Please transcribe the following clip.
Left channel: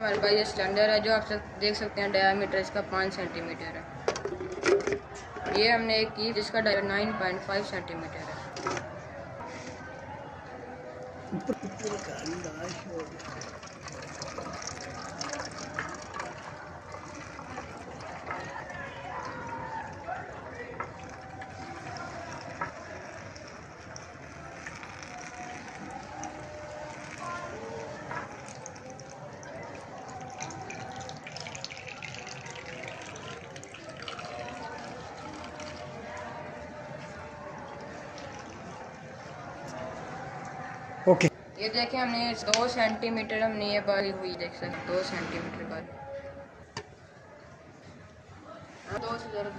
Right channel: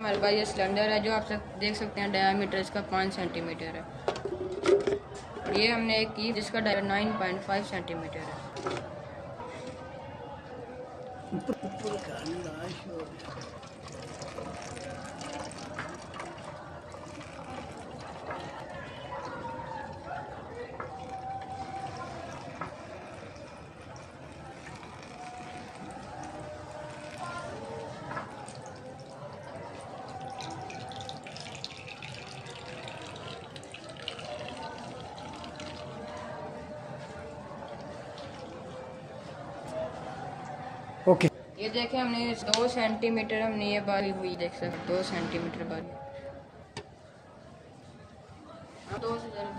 हमारे पास ये स्टैंडर्ड है जो आप देख सकते हैं डायमीटर इसका 5 सेंटीमीटर है। ये हमने एक की जिसका डायमीटर 9.5 सेंटीमीटर है। ओके। ये देखें हमने 2 सेंटीमीटर हमने ये बारी हुई देख सकते 2 सेंटीमीटर बारी। हाँ 2 से ज़रूर